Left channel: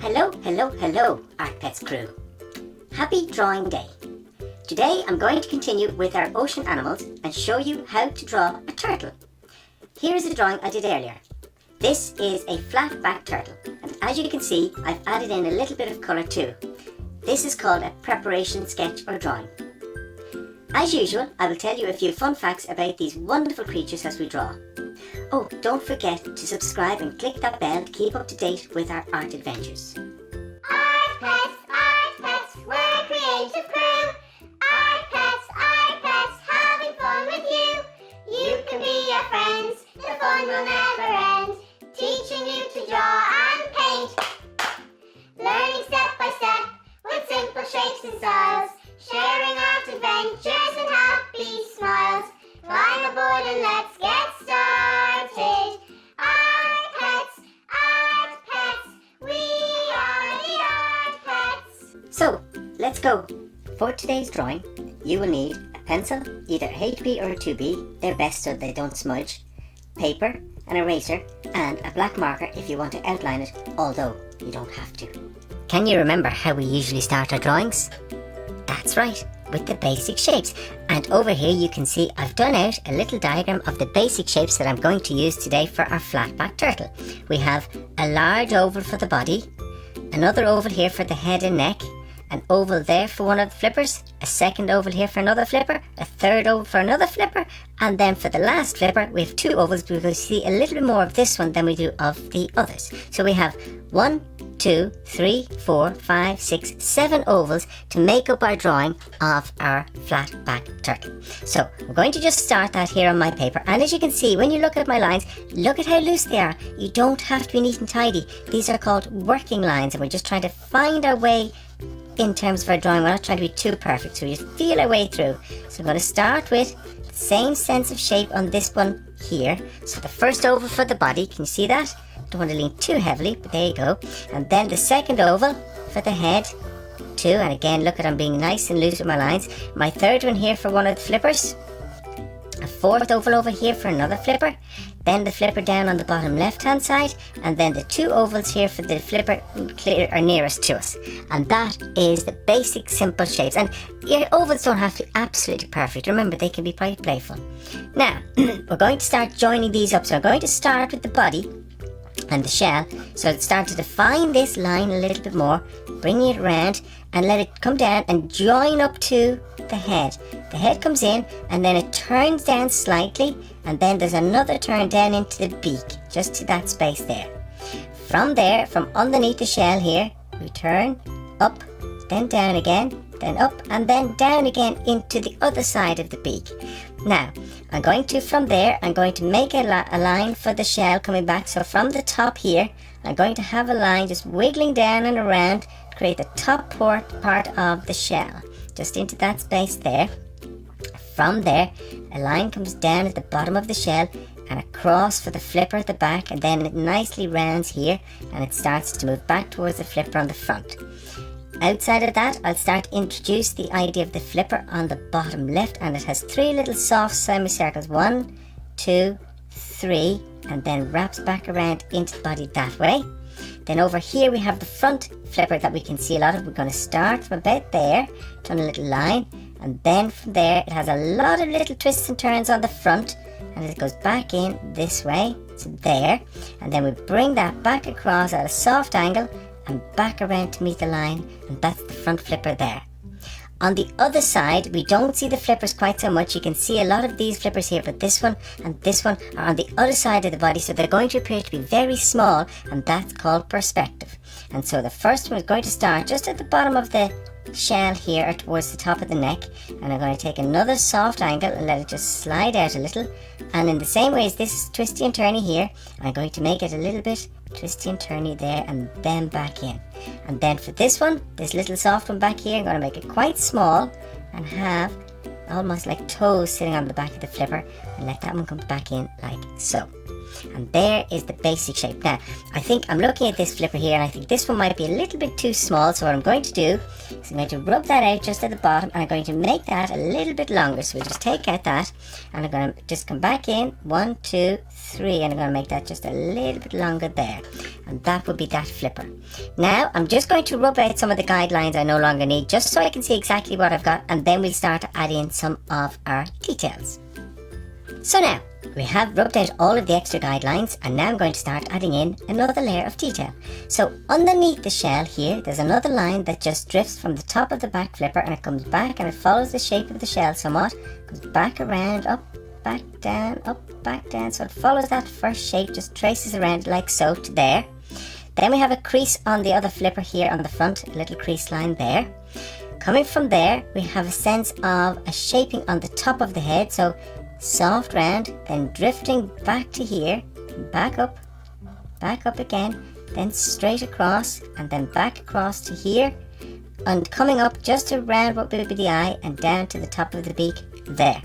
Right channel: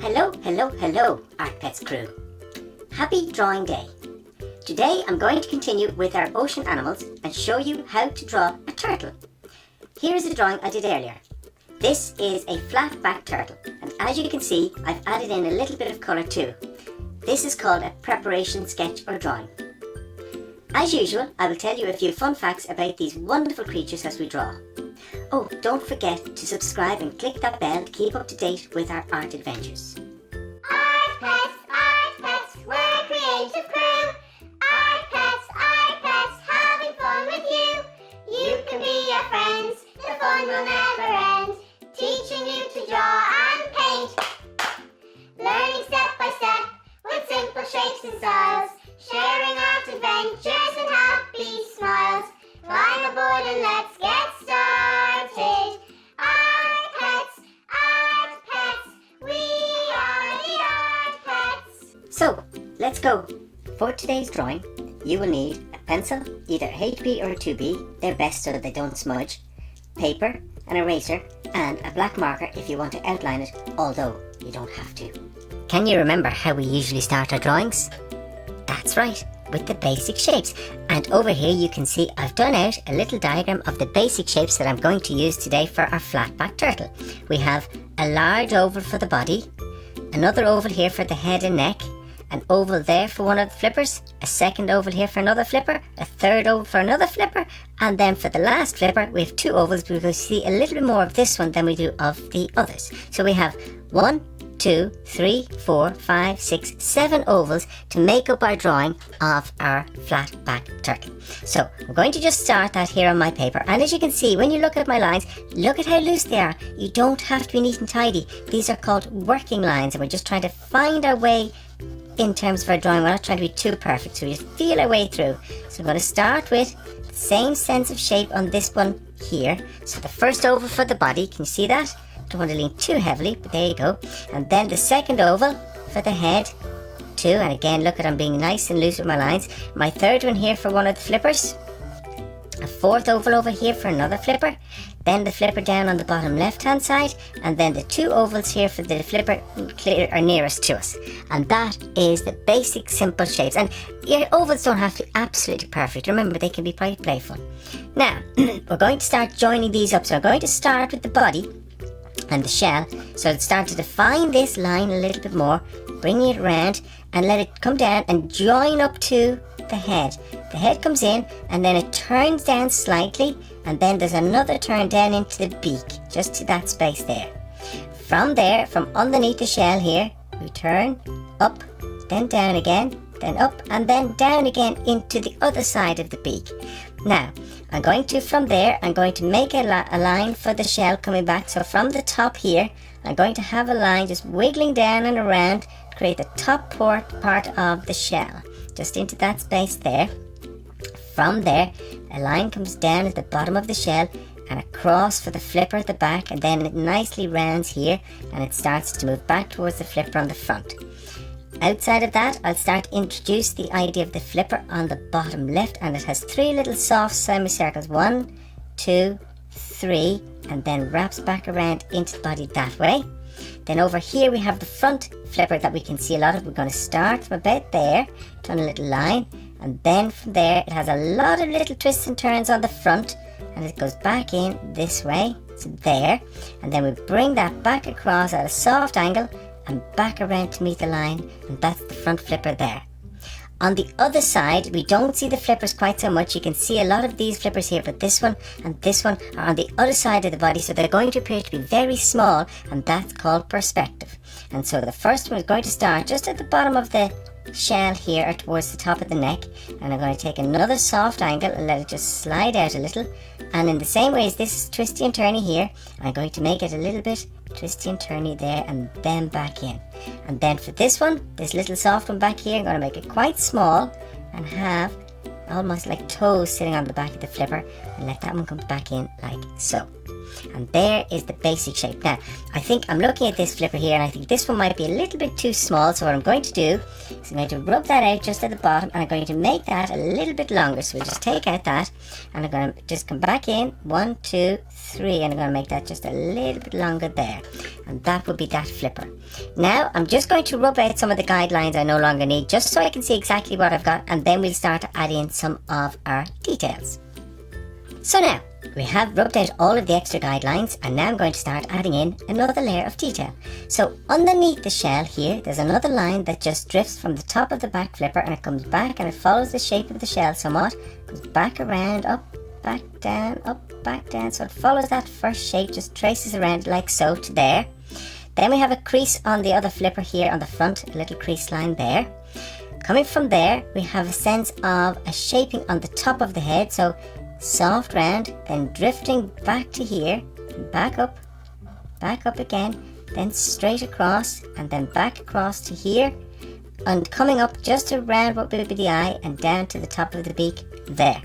Hello, Art Pets Crew. Happy Drawing Day. Today I'm going to continue with our ocean animals and show you how to draw a turtle. Here's a drawing I did earlier. This is a flatback turtle, and as you can see, I've added in a little bit of colour too. This is called a preparation sketch or drawing. As usual, I will tell you a few fun facts about these wonderful creatures as we draw. Oh, don't forget to subscribe and click that bell to keep up to date with our art adventures. Art Pets, we're a creative crew. Art Pets, having fun with you. You can be our friends, the fun will never end. Teaching you to draw and paint. Learning step by step with simple shapes and styles. Sharing art adventures and happy smiles. Climb aboard and let's get started. Art Pets, we are the Art Pets. So, let's go. For today's drawing, you will need a pencil, either a HB or a 2B, they're best so they don't smudge, paper, an eraser, and a black marker if you want to outline it, although you don't have to. Can you remember how we usually start our drawings? That's right, with the basic shapes. And over here you can see I've done out a little diagram of the basic shapes that I'm going to use today for our flatback turtle. We have a large oval for the body, another oval here for the head and neck, an oval there for one of the flippers, a second oval here for another flipper, a third oval for another flipper, and then for the last flipper we have two ovals. We're going to see a little bit more of this one than we do of the others. So we have 1, 2, 3, 4, 5, 6, 7 ovals to make up our drawing of our flatback turtle. So I'm going to just start that here on my paper, and as you can see when you look at my lines, look at how loose they are. You don't have to be neat and tidy. These are called working lines, and we're just trying to find our way in terms of our drawing. We're not trying to be too perfect, so we just feel our way through. So I'm going to start with the same sense of shape on this one here. So the first oval for the body, can you see that? Don't want to lean too heavily, but there you go. And then the second oval for the head too, and again look at I'm being nice and loose with my lines. My third one here for one of the flippers, a fourth oval over here for another flipper, then the flipper down on the bottom left hand side, and then the two ovals here for the flipper are nearest to us. And that is the basic simple shapes, and your ovals don't have to be absolutely perfect. Remember, they can be quite playful. Now we're going to start joining these up, so I'm going to start with the body and the shell. So let's start to define this line a little bit more, bring it around and let it come down and join up to the head. The head comes in and then it turns down slightly, and then there's another turn down into the beak, just to that space there. From there, from underneath the shell here, we turn up, then down again, then up and then down again into the other side of the beak. Now I'm going to, from there, I'm going to make a line for the shell coming back. So from the top here, I'm going to have a line just wiggling down and around to create the top part of the shell, just into that space there. From there, a line comes down at the bottom of the shell and across for the flipper at the back, and then it nicely rounds here and it starts to move back towards the flipper on the front. Outside of that, I'll start to introduce the idea of the flipper on the bottom left, and it has 3 little soft semicircles, 1, 2, 3, and then wraps back around into the body that way. Then over here we have the front flipper that we can see a lot of. We're going to start from about there, turn a little line, and then from there it has a lot of little twists and turns on the front, and it goes back in this way, so there, and then we bring that back across at a soft angle and back around to meet the line, and that's the front flipper there. On the other side, we don't see the flippers quite so much. You can see a lot of these flippers here, but this one and this one are on the other side of the body, so they're going to appear to be very small, and that's called perspective. And so the first one is going to start just at the bottom of the shell here, or towards the top of the neck, and I'm going to take another soft angle and let it just slide out a little, and in the same way as this is twisty and turny here, I'm going to make it a little bit twisty and turny there, and then back in. And then for this one, this little soft one back here, I'm going to make it quite small and have almost like toes sitting on the back of the flipper, and let that one come back in like so. And there is the basic shape. Now, I think I'm looking at this flipper here, and I think this one might be a little bit too small. So what I'm going to do is I'm going to rub that out just at the bottom, and I'm going to make that a little bit longer. So we'll just take out that, and I'm going to just come back in, 1, 2, 3, and I'm going to make that just a little bit longer there. And that will be that flipper. Now, I'm just going to rub out some of the guidelines I no longer need, just so I can see exactly what I've got, and then we'll start to add in some of our details. So now, we have rubbed out all of the extra guidelines, and now I'm going to start adding in another layer of detail. So underneath the shell here, there's another line that just drifts from the top of the back flipper, and it comes back and it follows the shape of the shell somewhat, goes back around, up, back down, up, back down. So it follows that first shape, just traces around like so to there. Then we have a crease on the other flipper here on the front, a little crease line there. Coming from there, we have a sense of a shaping on the top of the head, so soft round, then drifting back to here, back up again, then straight across, and then back across to here, and coming up just around what will be the eye, and down to the top of the beak there.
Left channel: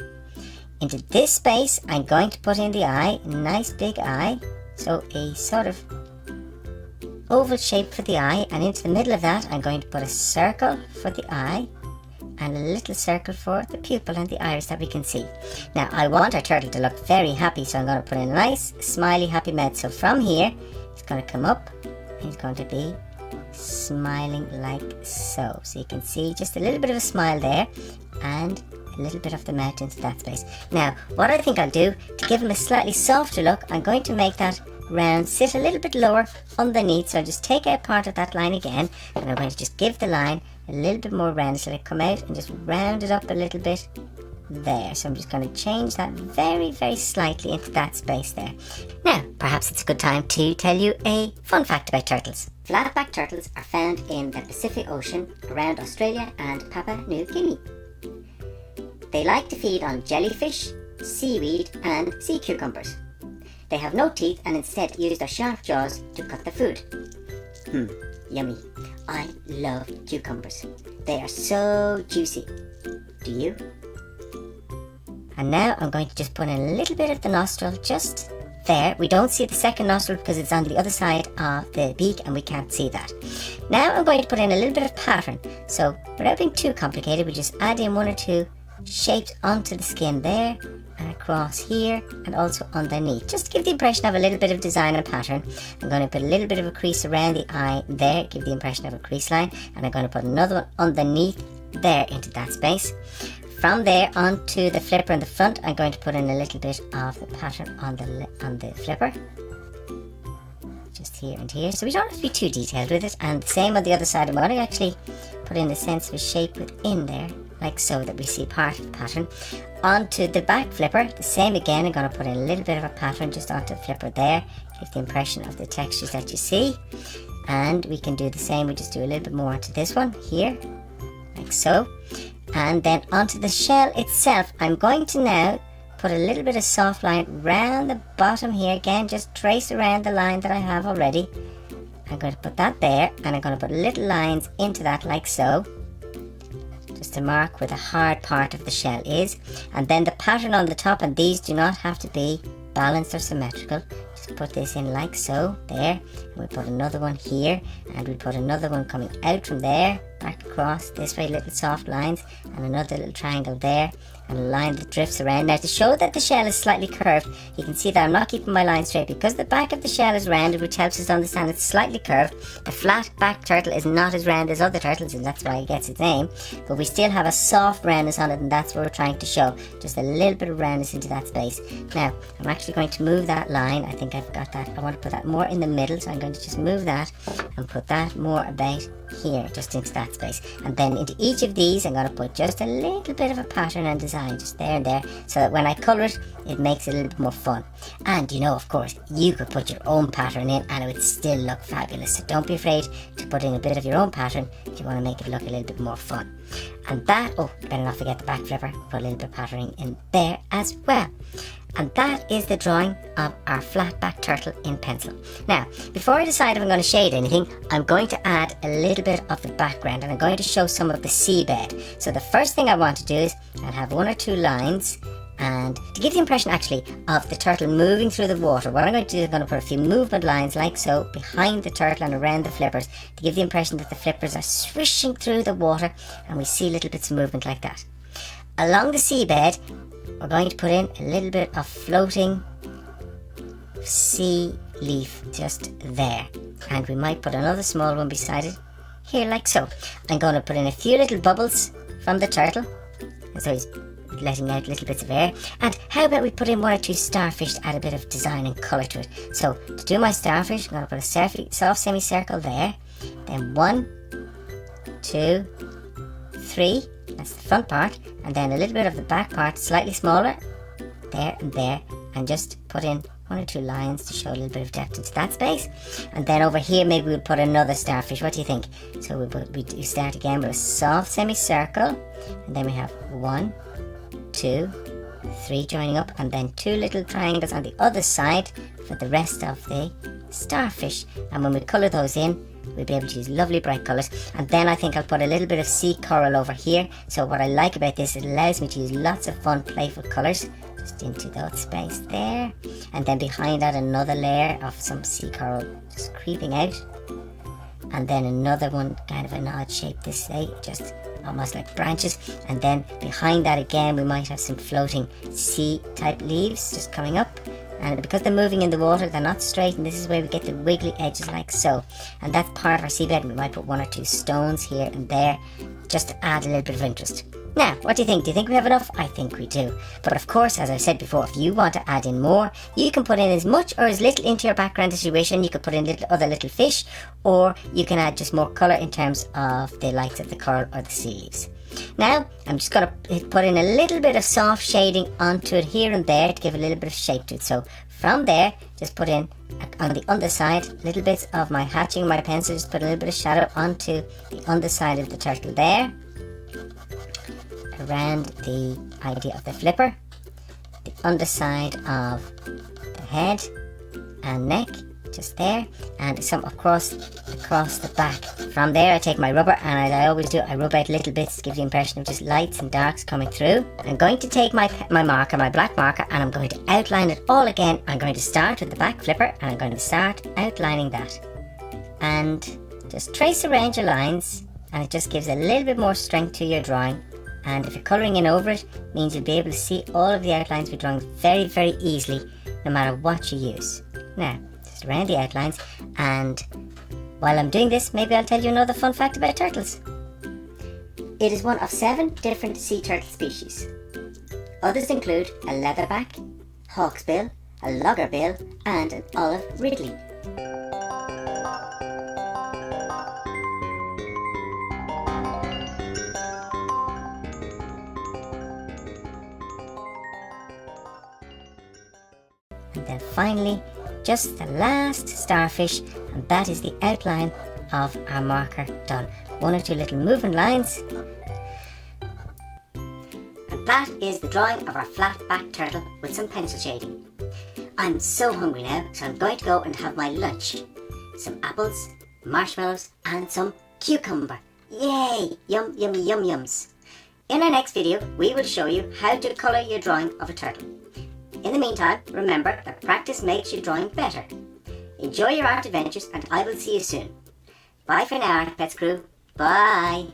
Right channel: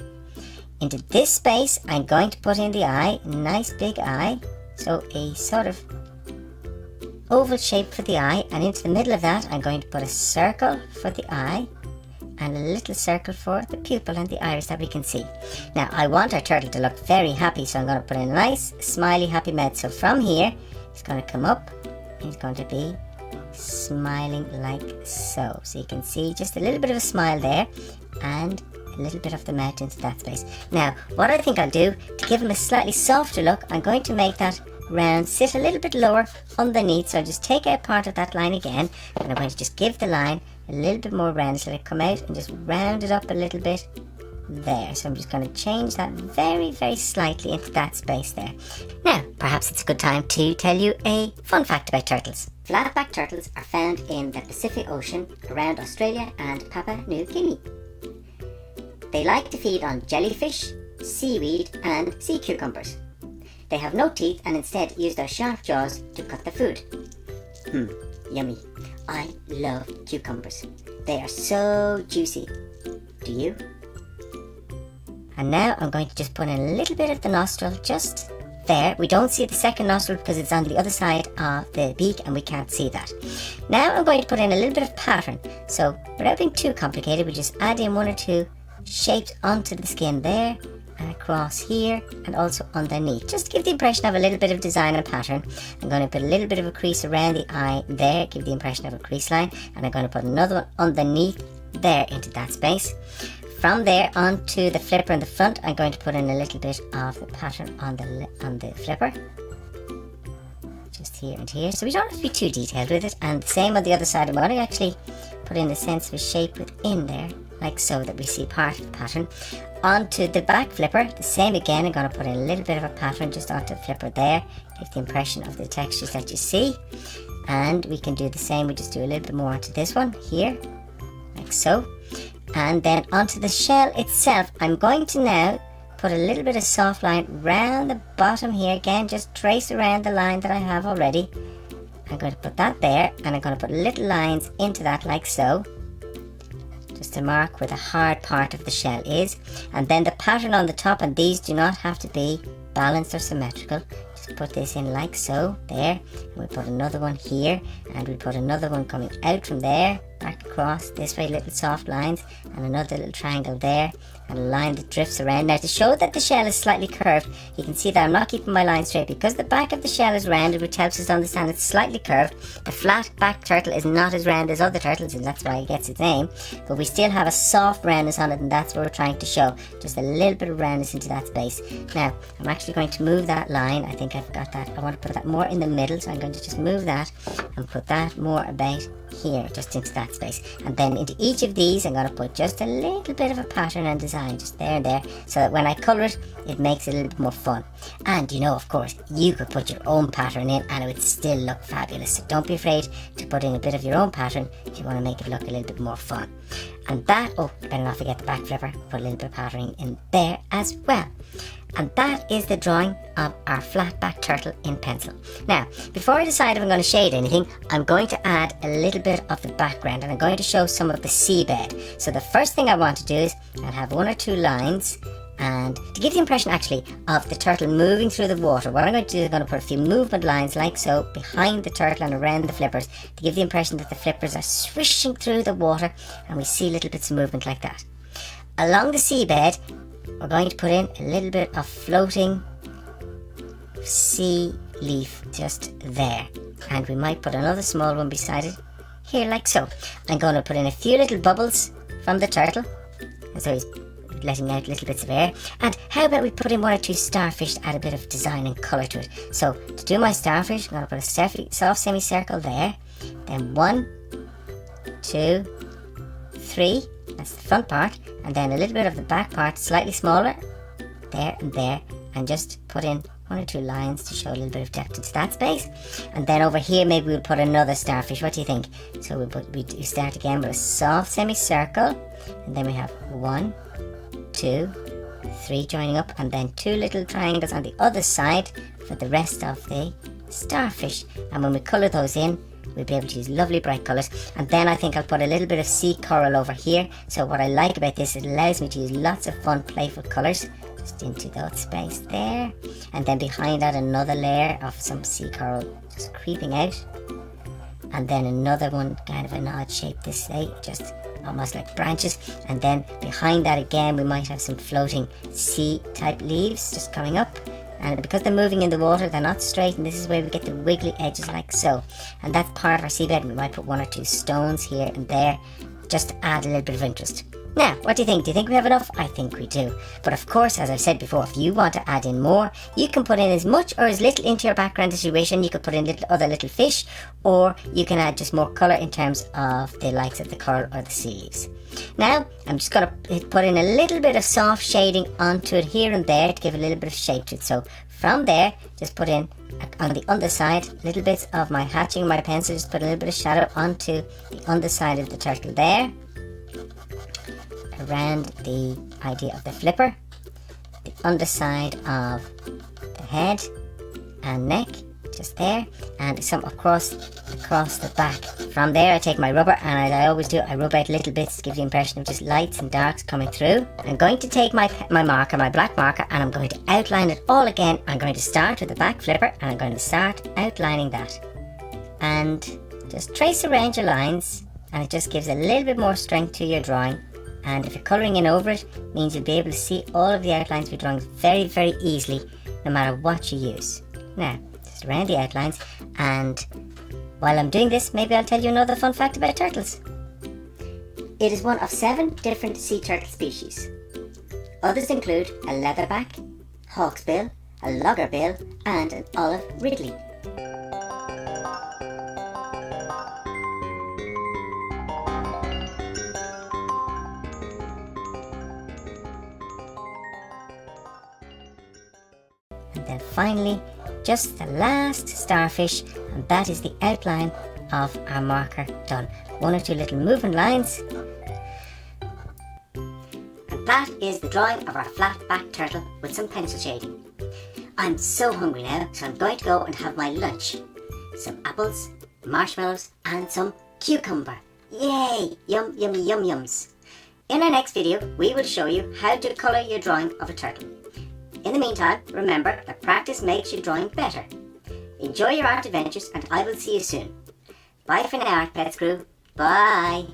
Into this space, I'm going to put in the eye, a nice big eye, so a sort of oval shape for the eye, and into the middle of that I'm going to put a circle for the eye and a little circle for the pupil and the iris that we can see. Now I want our turtle to look very happy, so I'm going to put a nice smiley happy mouth. So from here it's going to come up and it's going to be smiling like so. So you can see just a little bit of a smile there and a little bit of the mouth into that space. Now what I think I'll do to give him a slightly softer look, I'm going to make that round sit a little bit lower underneath. So I'll just take out part of that line again, and I'm going to just give the line a little bit more round, so it come out and just round it up a little bit there. So I'm just going to change that very, very slightly into that space there. Now, perhaps it's a good time to tell you a fun fact about turtles. Flatback turtles are found in the Pacific Ocean around Australia and Papua New Guinea. They like to feed on jellyfish, seaweed and sea cucumbers. They have no teeth and instead use their sharp jaws to cut the food. Yummy. I love cucumbers. They are so juicy. Do you? And now I'm going to just put in a little bit of the nostril just there. We don't see the second nostril because it's on the other side of the beak and we can't see that. Now I'm going to put in a little bit of pattern. So without being too complicated, we just add in 1 or 2 shapes onto the skin there and across here and also underneath, just to give the impression of a little bit of design and pattern. I'm going to put a little bit of a crease around the eye there, give the impression of a crease line, and I'm going to put another one underneath there into that space. From there onto the flipper in the front, I'm going to put in a little bit of the pattern on the flipper, just here and here, so we don't have to be too detailed with it. And the same on the other side. I'm going to actually put in a sense of a shape within there, like so, that we see part of the pattern. Onto the back flipper, the same again. I'm going to put in a little bit of a pattern just onto the flipper there, give the impression of the textures that you see. And we can do the same, we just do a little bit more onto this one here, like so. And then onto the shell itself, I'm going to now put a little bit of soft line round the bottom here. Again, just trace around the line that I have already. I'm going to put that there, and I'm going to put little lines into that like so, just to mark where the hard part of the shell is. And then the pattern on the top, and these do not have to be balanced or symmetrical. Just put this in like so, there, and we put another one here, and we put another one coming out from there, back across this way, little soft lines, and another little triangle there, and a line that drifts around. Now, to show that the shell is slightly curved, you can see that I'm not keeping my line straight because the back of the shell is rounded, which helps us to understand it's slightly curved. The flat-backed turtle is not as round as other turtles, and that's why it gets its name, but we still have a soft roundness on it, and that's what we're trying to show, just a little bit of roundness into that space. Now, I'm actually going to move that line. I think I've got that. I want to put that more in the middle, so I'm going to just move that and put that more about here, just into that space. And then into each of these, I'm going to put just a little bit of a pattern and design, just there and there, so that when I colour it, it makes it a little bit more fun. And you know, of course, you could put your own pattern in and it would still look fabulous. So don't be afraid to put in a bit of your own pattern if you want to make it look a little bit more fun. And that, oh, better not forget the back flipper, put a little bit of patterning in there as well. And that is the drawing of our flatback turtle in pencil. Now, before I decide if I'm going to shade anything, I'm going to add a little bit of the background, and I'm going to show some of the seabed. So the first thing I want to do is I'll have 1 or 2 lines And to give the impression actually of the turtle moving through the water, what I'm going to do is I'm going to put a few movement lines like so behind the turtle and around the flippers to give the impression that the flippers are swishing through the water and we see little bits of movement like that. Along the seabed, we're going to put in a little bit of floating sea leaf just there. And we might put another small one beside it here like so. I'm going to put in a few little bubbles from the turtle. So he's letting out little bits of air. And how about we put in one or two starfish to add a bit of design and colour to it. So to do my starfish, I'm going to put a soft semicircle there. Then 1, 2, 3. That's the front part. And then a little bit of the back part, slightly smaller. There and there. And just put in 1 or 2 lines to show a little bit of depth into that space. And then over here maybe we'll put another starfish. What do you think? So we start again with a soft semicircle. And then we have 1, 2, 3 joining up, and then 2 little triangles on the other side for the rest of the starfish. And when we colour those in, we'll be able to use lovely bright colours. And then I think I'll put a little bit of sea coral over here. So what I like about this is it allows me to use lots of fun playful colours just into that space there. And then behind that another layer of some sea coral just creeping out. And then another one, kind of an odd shape this way, just almost like branches. And then behind that again we might have some floating sea type leaves just coming up. And because they're moving in the water, they're not straight, and this is where we get the wiggly edges like so. And that's part of our seabed. We might put 1 or 2 stones here and there just to add a little bit of interest. Now, what do you think? Do you think we have enough? I think we do. But of course, as I've said before, if you want to add in more, you can put in as much or as little into your background as you wish, and you could put in other little fish, or you can add just more colour in terms of the likes of the coral or the sea leaves. Now, I'm just going to put in a little bit of soft shading onto it here and there to give a little bit of shape to it. So from there, just put in on the underside little bits of my hatching, my pencil, just put a little bit of shadow onto the underside of the turtle there, around the idea of the flipper, the underside of the head and neck, just there, and some across the back. From there I take my rubber, and as I always do, I rub out little bits to give the impression of just lights and darks coming through. I'm going to take my marker, my black marker, and I'm going to outline it all again. I'm going to start with the back flipper, and I'm going to start outlining that. And just trace around your lines, and it just gives a little bit more strength to your drawing. And if you're colouring in over it, it means you'll be able to see all of the outlines we're drawing very, very easily, no matter what you use. Now, just around the outlines, and while I'm doing this, maybe I'll tell you another fun fact about turtles. It is one of 7 different sea turtle species. Others include a leatherback, hawksbill, a loggerbill, and an olive ridley. And then finally, just the last starfish, and that is the outline of our marker done. 1 or 2 little moving lines. And that is the drawing of our flatback turtle with some pencil shading. I'm so hungry now, so I'm going to go and have my lunch. Some apples, marshmallows, and some cucumber. Yay! Yum, yummy, yum, yums. In our next video, we will show you how to colour your drawing of a turtle. In the meantime, remember that practice makes your drawing better. Enjoy your art adventures, and I will see you soon. Bye for now, Art Pets crew. Bye.